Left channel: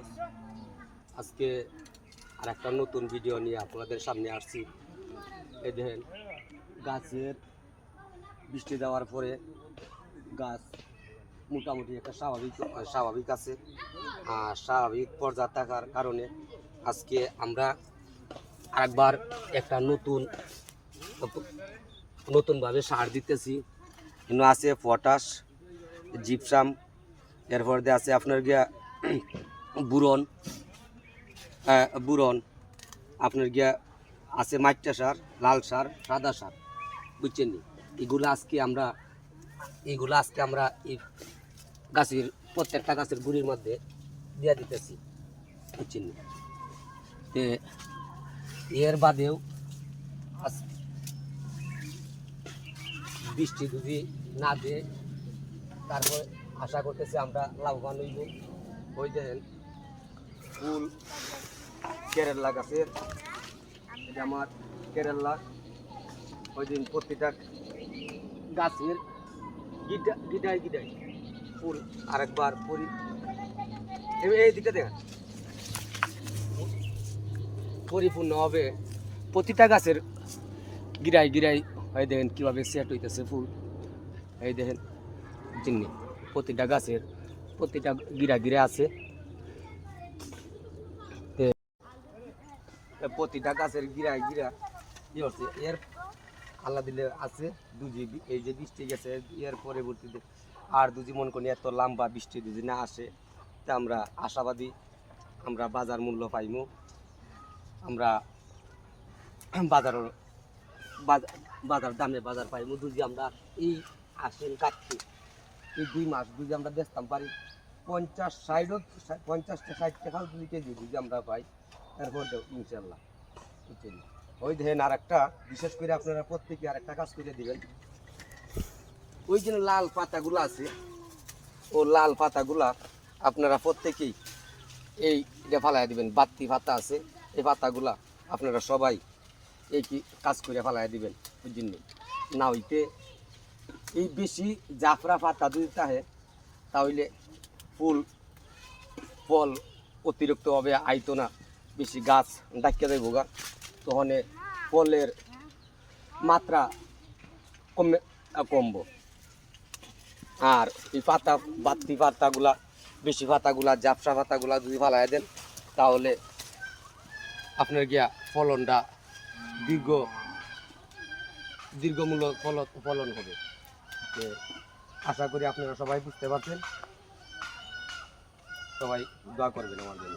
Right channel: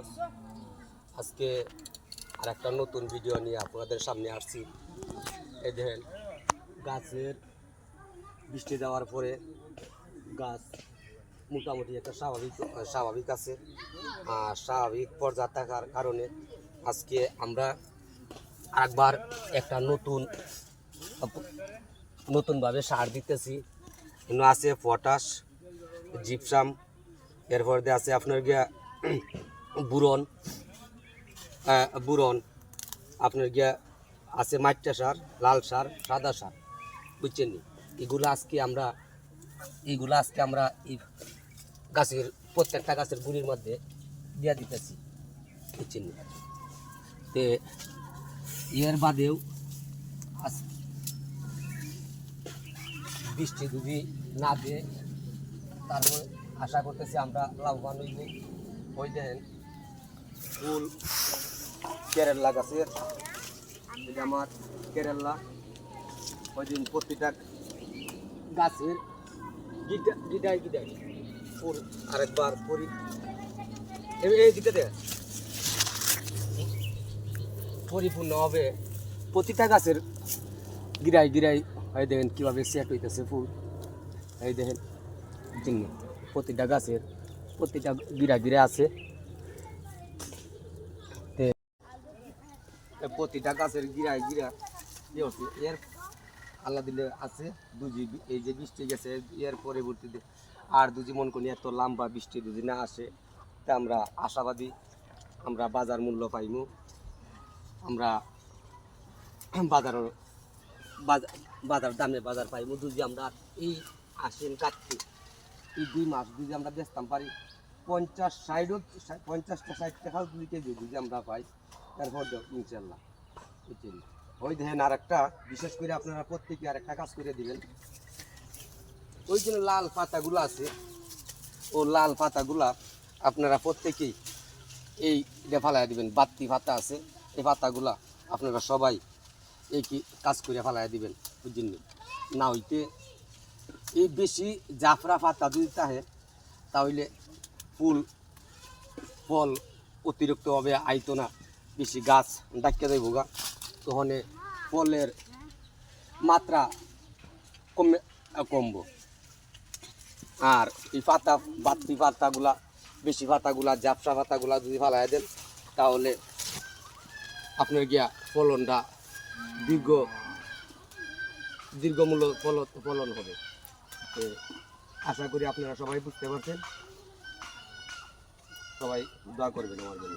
Viewers, আজকে আর একটা নতুন ভিডিও নিয়ে আপনাদের সামনে আসছি। এই দেখেন, গাছের বৃষ্টি দেওয়ার পরে গাছ মোটামুটি একটা স্বাভাবিক আছে। আর স্বাভাবিক পর্যায়ে থাকার কারণে আজকে আমরা আরেকবার একটা নতুনভাবে সার দিতেছি। এখানে আছে পটাশ, জিপসাম, এরপর দিয়ে আছে আপনার গিয়া বুরন, আপনার গিয়া আছে মাইটা সার, লাল সার, সাদা সার, বুঝছেন? এগুলো আজকে আমরা এই গাছের প্রত্যেকটা গাছের গুড়ির মধ্যে দিয়া দিতেছি, বুঝছেন? তে এর বাদেও বৃষ্টি যদি না দেয়, তারপর আশা করতেছি আমরা লাভবান হইব। ওই দেখেন ফুল কেরালা গাছের, এটা আমার কেরালা। ওই দিন প্রতিটা গাছের গিডায় ফুল আরেকবার এই দিকে দেখেন পরিপূর্ণ হবে। প্রতিটা গাছের গিরাই হয় দেখেন কীভাবে সেট হইতেছে ফুল। এই দেখেন চিনি প্রতিটা গাছের প্রতিটা গিরা আছে। প্রতিটা গাছের গিরা কি হচ্ছে এর আল্লাহ দিলে আছে দুজি। এই যে বৃষ্টি গেছে এর পরবর্তীতে আর দুজি মন করি এত লম্বা বৃষ্টি যদি না আসে, তা আমরা আশাবাদী আমরা বাজার মূল্য পাইমু। আমরা বাজার দামে বাজার পাইমু। যদি আমরা এই আশ্বিন কাটছি এই 2 মাস যদি আমরা বেচতাম পারি 50-60 টাকাও 2 কেজি যদি আমরা পাই, তারপর ইনশাল্লাহ। বুঝছেন? ওই দেখেন আর একটা বিশেষ করে আপনারা প্রত্যেকে আর একটা কাজ করে দিবেন। ওই যে লাল পাতাগুলো আছে, ও লাল পাতাগুলা আপনারা প্রত্যেকেই এই ফালাই দিবেন। বাত্তি পাতা আছে, এই পাতাগুলা আপনারা সবাই এই কি কাজ করে ফালাই দিবেন, বুঝছেন? না হইতে এই বেশি জাফরা পাতা যদি থাকে তাহলে ফল অতিরিক্তভাবে আইতো না, বেশি গাছ ডাকিয়ে দেয় ভোগা, তখন ফলের মাত্রা কমব। আর এই বাড়তি পাতাগুলা, বেশি পাতাগুলা, জাফরা পাতাগুলা যদি ফালাই দেন তাহলে আপনার গিয়া ফলনটা দীর্ঘমূল্য ফলন হবে। আশা করি আপনারা সবাই বুঝতে পারছেন। সবাই দোয়া করবেন আমার জন্য।